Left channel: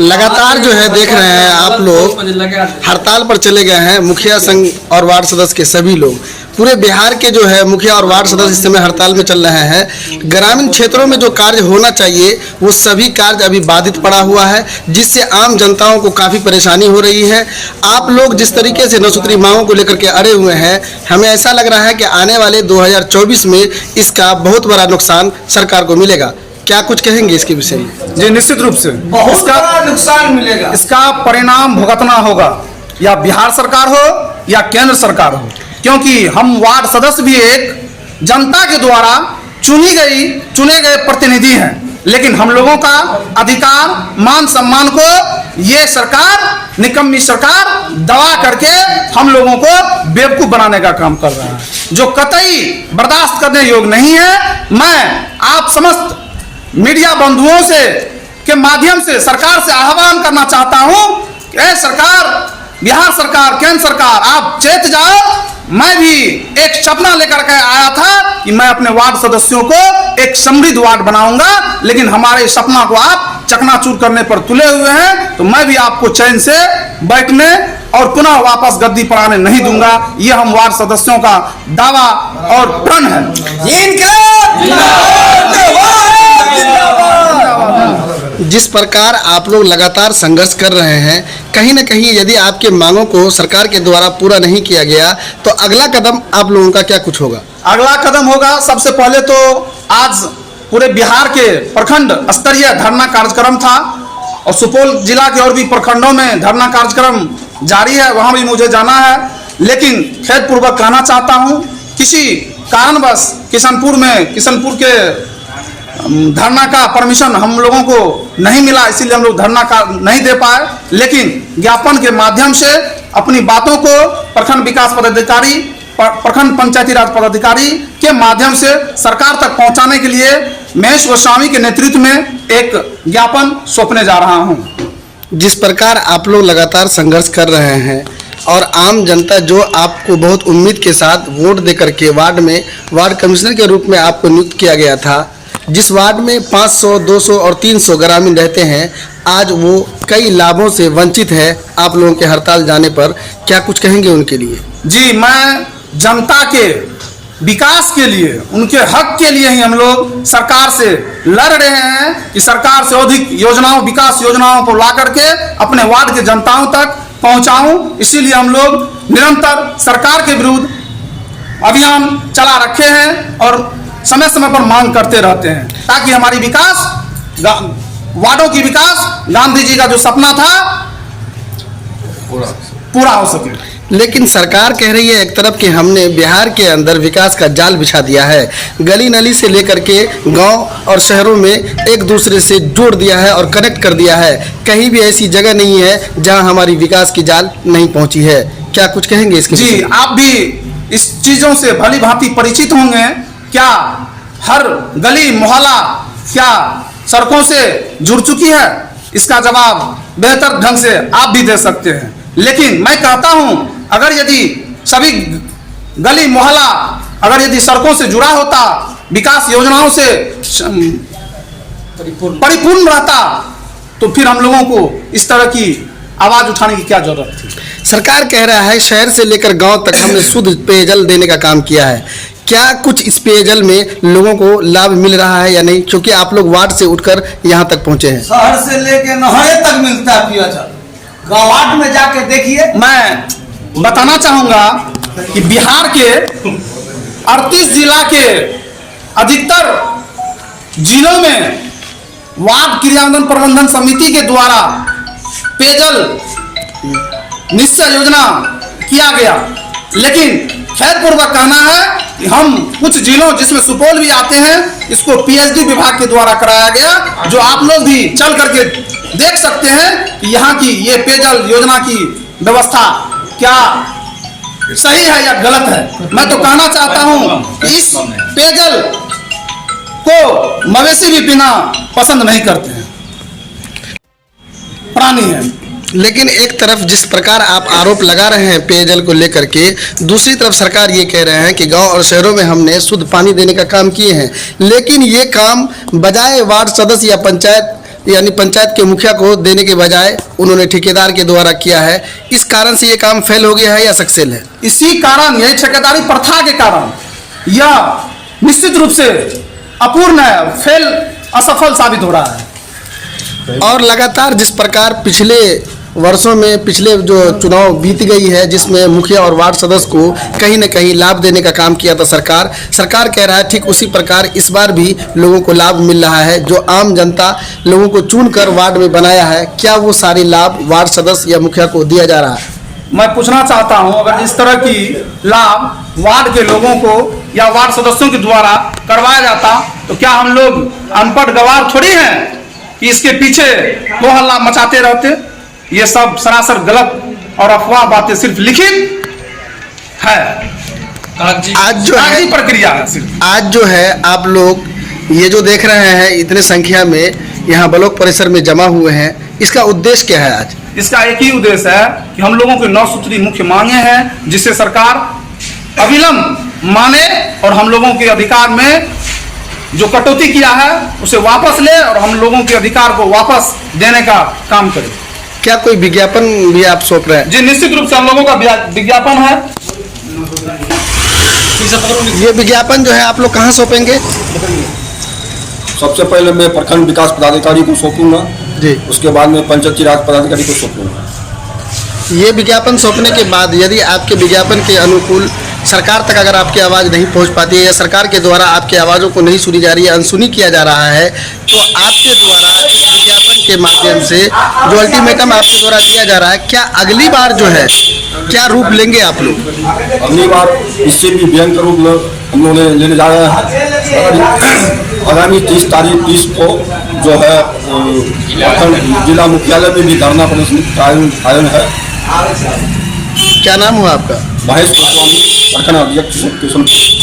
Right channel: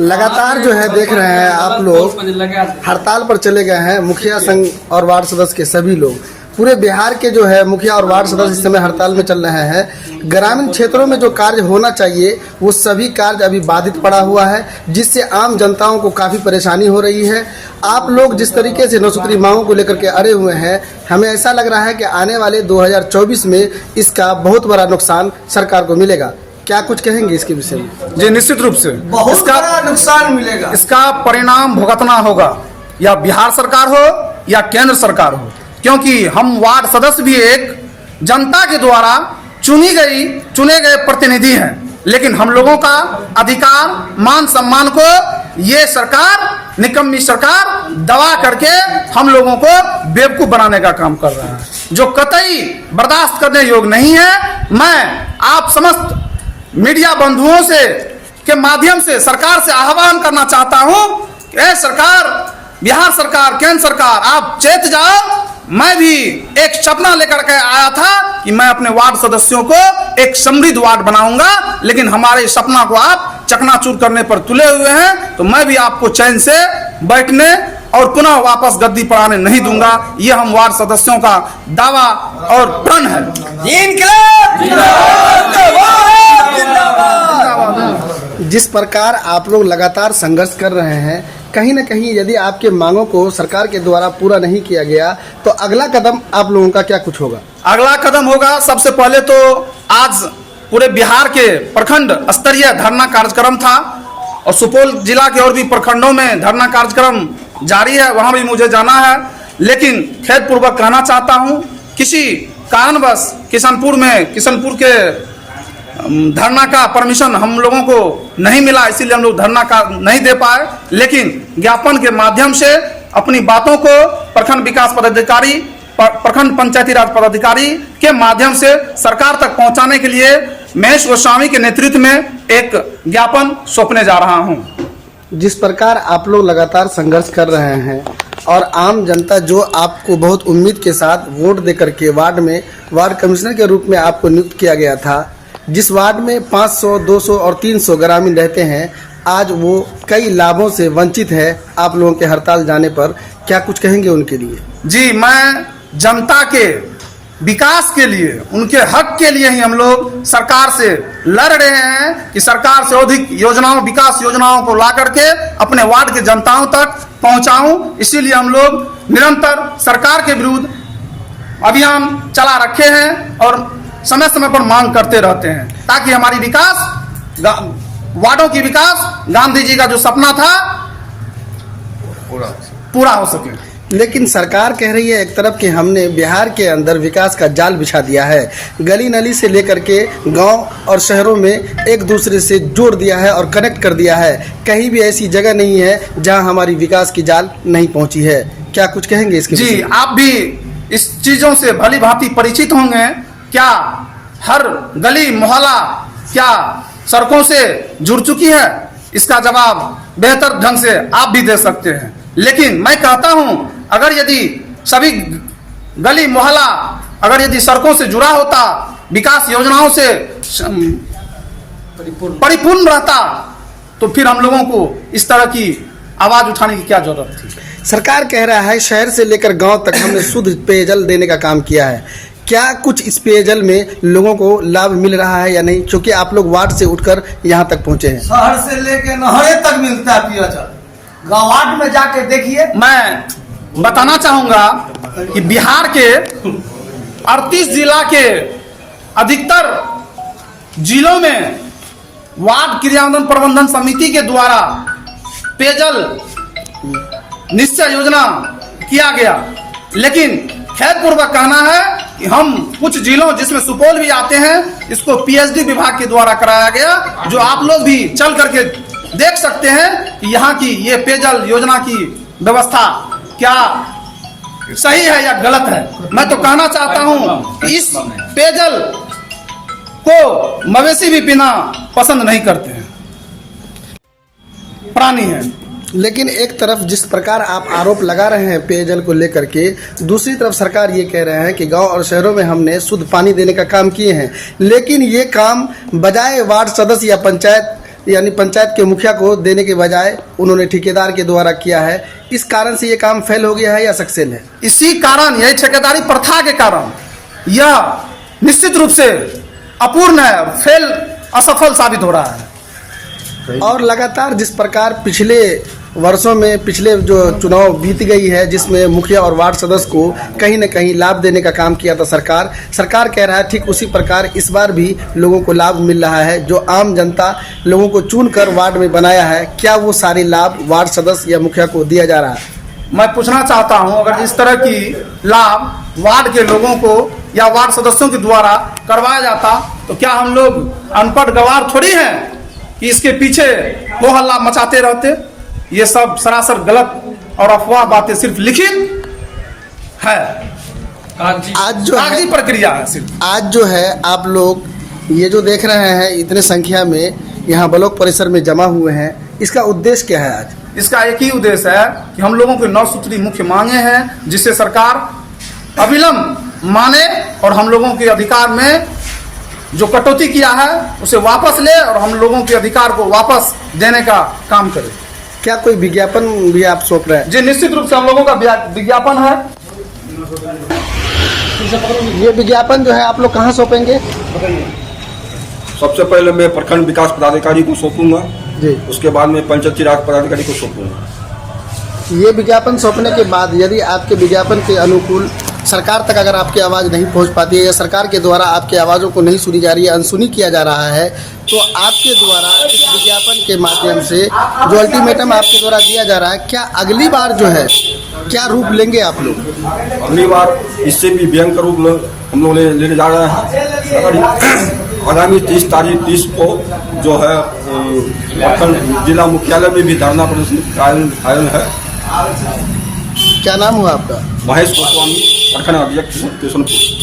लगातार जो है देख रहे हैं आप लोग हड़ताल पर चले गए हैं मुखिया संघ और वार्ड सदस्य के सभी लोग। पूरे बिहार के जो है मुखिया और वार्ड सदस्य इस समय हड़ताल में चल रहे हैं। ग्रामीण क्षेत्रों में जो कार्य होना चाहिए वो सभी कार्य अभी बाधित पड़ा हुआ है, जिससे आम जनताओं को काफ़ी परेशानी हो रही है। आप लोग जिस तरीके से नौसूत्री मांगों को लेकर के अड़े हुए हैं, हमें ऐसा लग रहा है कि आने वाले 2024 में इसका बहुत बड़ा नुकसान सरकार को मिलेगा। क्या कुछ कहेंगे इसके विषय में? जी निश्चित रूप से बहुत बड़ा नुकसान मिलेगा। इसका परिणाम भुगतना होगा, या बिहार सरकार हो या केंद्र सरकार हो, क्योंकि हम वार्ड सदस्य भी एक जनता के द्वारा चुने गए प्रतिनिधि हैं, लेकिन हम लोगों का अधिकार मान सम्मान को ये सरकार, निकम्मी सरकार दबा करके हम लोगों को बेवकूफ बनाने का काम कर रहा है, जो कतई बर्दाश्त करने योग्य नहीं है। मैं आप समस्त मीडिया बंधुओं से के माध्यम से सरकार से आह्वान करना चाहता हूं कि ऐ सरकार, बिहार सरकार, केंद्र सरकार, आप चेत जाओ। मैं भी एक सपना लेकर के आया था कि मैं अपने वार्ड सदस्यों को एक समृद्ध वार्ड बनाऊंगा, लेकिन हमारे सपना को आप चकनाचूर करने पर तुले हुए हैं। तो मैं भी आपको चैन से बैठने और पुनः वापस गद्दी पर आने नहीं दूंगा। ये हम वार्ड सदस्यों का दावा और प्रण है। जिस प्रकार आप लोग लगातार संघर्ष कर रहे हैं, कहीं न कहीं यदि आपके मांगों को सरकार के द्वारा पूरा नहीं किया गया तो अगला कदम आप लोगों का क्या कुछ होगा? अगला कदम होगा, सबसे पहले तो आज पूरे बिहार के प्रखंड स्तरीय धरना कार्यक्रम था और सुपौल जिला के और भी प्रखंडों में धरना कार्यक्रम जारी है, वहां भी मुझे जाना है। लेकिन खेदपूर्वक कहना चाहता हूं, किसी कारणवश किशनपुर के धरना का परमिशन हम लोगों को नहीं मिला, इसीलिए हम लोग धरना का नहीं दे पाए। लेकिन ज्ञापन के माध्यम से अपनी बातों को प्रखंड विकास पदाधिकारी, प्रखंड पंचायती राज पदाधिकारी के माध्यम से सरकार तक पहुंचाने के लिए महेश गोस्वामी के नेतृत्व में एक ज्ञापन सौंपने जा रहा हूं। जिस प्रकार आप लोग लगातार संघर्ष कर रहे हैं और आम जनता जो आपको बहुत उम्मीद के साथ वोट देकर के वार्ड में वार्ड कमिश्नर के रूप में आपको नियुक्त किया गया था, जिस वार्ड में 500, 200 और 300 ग्रामीण रहते हैं, आज वो कई लाभों से वंचित है। आप लोगों के हड़ताल जाने पर क्या कुछ कहेंगे उनके लिए? जी, मैं जनता के विकास के लिए, उनके हक के लिए ही हम लोग सरकार से लड़ रहे हैं कि सरकार से अधिक योजनाओं, विकास योजनाओं को ला करके अपने वार्ड के जनताओं तक पहुंचाऊं। इसीलिए हम लोग निरंतर सरकार के विरुद्ध अभियान चला रखे हैं और समय समय पर मांग करते रहते हैं, ताकि हमारी विकास, वार्डों की विकास, गांधी जी का जो सपना था पूरा हो सके। लेकिन सरकार कह रही है एक तरफ कि हमने बिहार के अंदर विकास का जाल बिछा दिया है, गली नली से लेकर के गांव और शहरों में एक दूसरे से जोड़ दिया है और कनेक्ट कर दिया है। कहीं भी ऐसी जगह नहीं है जहां हमारी विकास की जाल नहीं पहुंची है। क्या कुछ कहेंगे इसके? जी, आप भी इस चीजों से भली भांति परिचित होंगे। क्या हर गली मोहल्ला क्या सड़कों से जुड़ चुकी है? इसका जवाब बेहतर ढंग से आप भी दे सकते हैं। लेकिन मैं कहता हूं, अगर यदि सभी गली मोहल्ला अगर यदि सड़कों से जुड़ा होता, विकास योजनाओं से परिपूर्ण रहता, तो फिर हम लोगों को इस तरह की आवाज उठाने की क्या जरूरत थी? सरकार कह रहा है शहर से लेकर गांव तक हमने शुद्ध पेयजल देने का काम किया है। क्या कुछ इस पेयजल में लोगों को लाभ मिल रहा है या नहीं, क्योंकि आप लोग वार्ड से उठकर यहाँ तक पहुंचे हैं? शहर से लेकर नहरे तक मिलता है पेयजल। गाँव वार्ड में जाके देखिए। मैं बताना चाहूंगा कि बिहार के 38 जिला के अधिकतर जिलों में वार्ड क्रियान्वयन प्रबंधन समिति के द्वारा पेयजल निश्चय योजना किया गया। लेकिन खेदपूर्वक कहना है कि हम कुछ जिलों, जिसमें सुपौल भी आते हैं, इसको पीएचडी विभाग के द्वारा कराया गया, जो आप लोग भी चल करके देख सकते हैं कि यहाँ की ये पेयजल योजना की व्यवस्था क्या सही है या गलत है। मैं तो कहना चाहता हूँ कि इस पेयजल को मवेशी भी पीना पसंद नहीं करते हैं, प्राणी है। लेकिन एक तरफ जिस प्रकार आप आरोप लगा रहे हैं पेयजल को लेकर के, दूसरी तरफ सरकार ये कह रहे हैं कि गांव और शहरों में हमने शुद्ध पानी देने का काम किए हैं। लेकिन ये काम बजाय वार्ड सदस्य या पंचायत यानी पंचायत के मुखिया को देने के बजाय उन्होंने ठेकेदार के द्वारा किया है। इस कारण से ये काम फेल हो गया है या सक्सेस है? इसी कारण, यही ठेकेदारी प्रथा के कारण यह निश्चित रूप से अपूर्ण है, फेल, असफल साबित हो रहा है। और लगातार जिस प्रकार पिछले वर्षों में पिछले जो चुनाव बीत गई है, जिसमें मुखिया और वार्ड सदस्य को कहीं न कहीं लाभ देने का काम किया था सरकार कह रहा है ठीक उसी प्रकार इस बार भी लोगों को लाभ मिल रहा है। जो आम जनता लोगों को चुनकर वार्ड में बनाया है, क्या वो सारी लाभ वार्ड सदस्य या मुखिया को दिया जा रहा है? मैं पूछना चाहता हूं, अगर इस तरह की लाभ वार्ड के लोगों को या वार्ड सदस्यों के द्वारा करवाया जाता तो क्या हम लोग अनपढ़ गवार थोड़ी हैं कि इसके पीछे हो हल्ला मचाते रहते? ये सब सरासर गलत और अफवाह बातें, सिर्फ लिखित है, आज जो है कागजी प्रक्रिया है सिर्फ। आज जो है आप लोग ये जो देख रहे हैं इतने संख्या में यहाँ ब्लॉक परिसर में जमा हुए हैं, इसका उद्देश्य क्या है आज? इसका एक ही उद्देश्य है कि हम लोगों की 9 सूत्री मुख्य मांगे हैं, जिससे सरकार अविलंब माने और हम लोगों के अधिकार में जो कटौती किया है उसे वापस ले और हम लोगों के अधिकार को वापस देने का काम करे। क्या कोई विज्ञापन भी आप सौंप रहे हैं? जी, निश्चित रूप से हम लोगों का विज्ञापन है। ये विज्ञापन जो है आप लोग कहाँ सौंपेंगे? सबसे पहले मैं प्रखंड विकास पदाधिकारी को सौंपूंगा जी, उसके बाद में पंचायती राज पदाधिकारी को सौंपूंगा। ये विज्ञापन सौंपने के बाद यदि आपके विज्ञापन के अनुकूल सरकार तक अगर आपकी आवाज़ नहीं पहुंच पाती है या सरकार के द्वारा आपकी आवाज़ों को नहीं सुनी जा रही है, अनसुनी किया जा रहा है, तो आपके द्वारा इस विज्ञापन के माध्यम से जो अल्टीमेटम आपके द्वारा दिया जा रहा है, क्या अगली बार जो है क्या रूप लेंगे आप लोग? अगली बार इससे भी भयंकर रूप हम लोग लेने जा रहे हैं। आगामी 30 को जो है प्रखंड जिला मुख्यालय में भी धरना प्रदर्शन कायम है। क्या नाम हुआ आपका? महेश गोस्वामी, प्रखंड अध्यक्ष किशनपुर।